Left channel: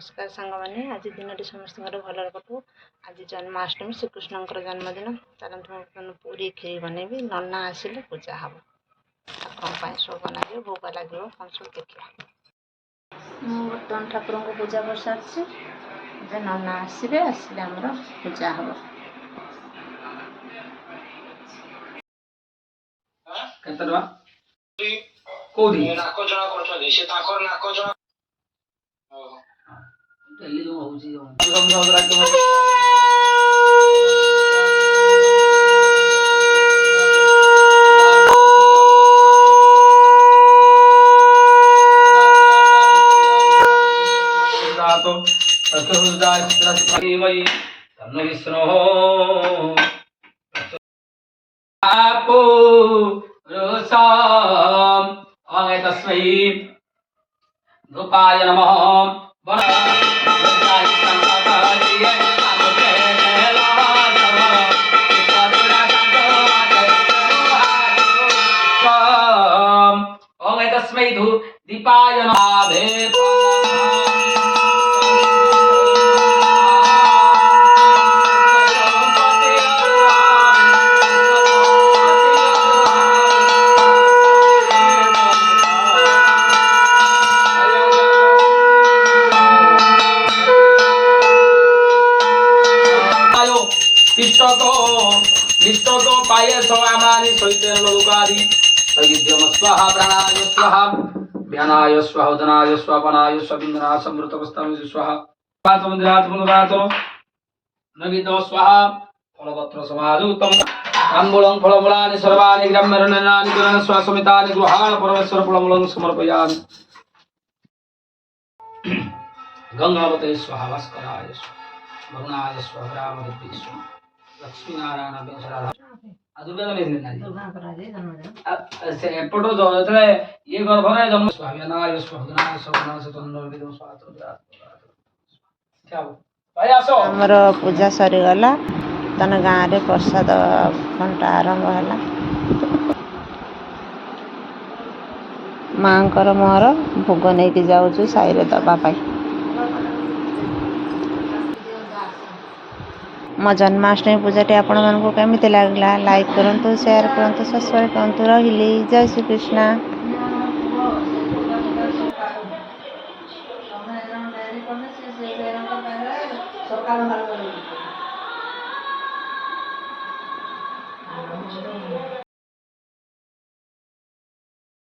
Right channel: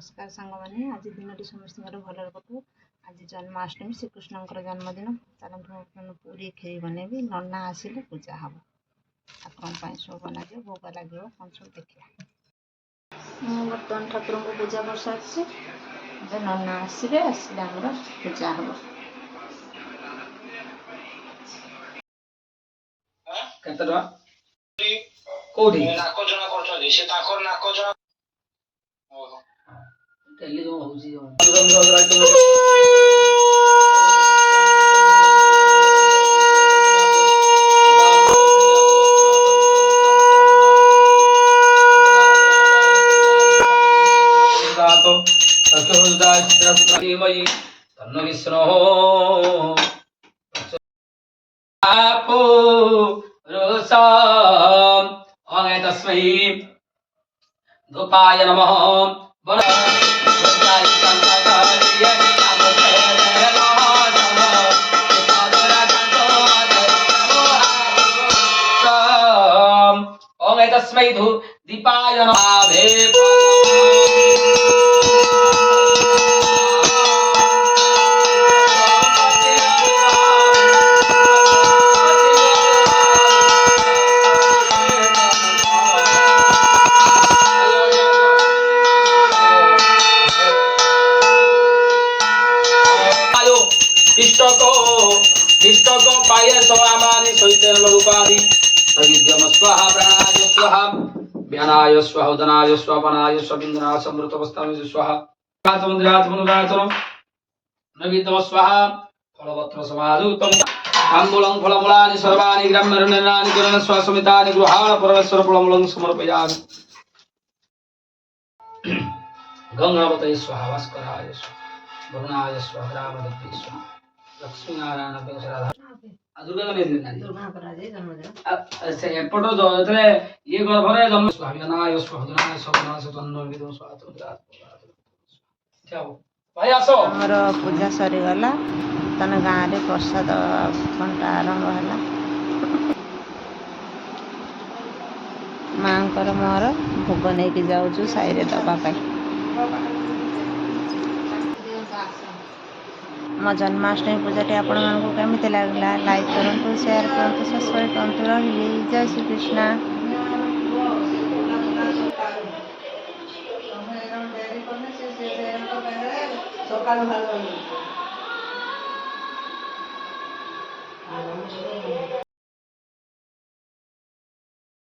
नमस्कार सांग मैंने आज दिन समस्त भल कटू। आज जन्माष्टमी श्रीकृष्ण जन्मदिन चलते पूरी खीरी बनैबी नना आसिले पूजा हम ठाकुर सब बना भोग लगे कौन सब देखा। मुझे बर्तमान ठाकुर को पूजा कर सारी नना आसवे आसिले आमर पूजा हम। तस्मै धूपाय नमः। तस्मै दीपाय नमः। इष्ट को पाये स्वामानि सहितेन लोकादि वैद्यम स्वाहा प्राणाय स्वाहा व्यानाय स्वाहा उदनाय स्वापनाय स्वाविंदना समृतवस्थामि स्वाहा पातमुद्रात्मनुरातम नगितम स्वाहा फलपत्र समाधुतम ताम्बूलं फलमूलानि सर्वाणि ग्राम्यरण्यानि करण स्वासमितानि गृहाण परमेश्वर फलमूलं समर्पयामि। गंगावते स्वाहा भास्कराय स्वाहा वरुणाय स्वाहा रामदेव्यै स्वाहा लक्ष्मी नारायण दुर्गा एपट जो ये गर्भरे जन्म स्वामीनाय स्वाधनाय स्वनाय चंद्रविदम स्वाहा भाई आसो हमर पूजा सरी गला तन गाँव रे प्रसाद घंटा आरंभ है। माँ मोर भोग नहीं जाऊँ साई रे दवापाई। मो जन्माष्टमी पूजाटी आपण मानक केमिति लागला लाइक करूँ शेयर करूँ सब्सक्राइब करूँ। रही जय श्री कृष्ण।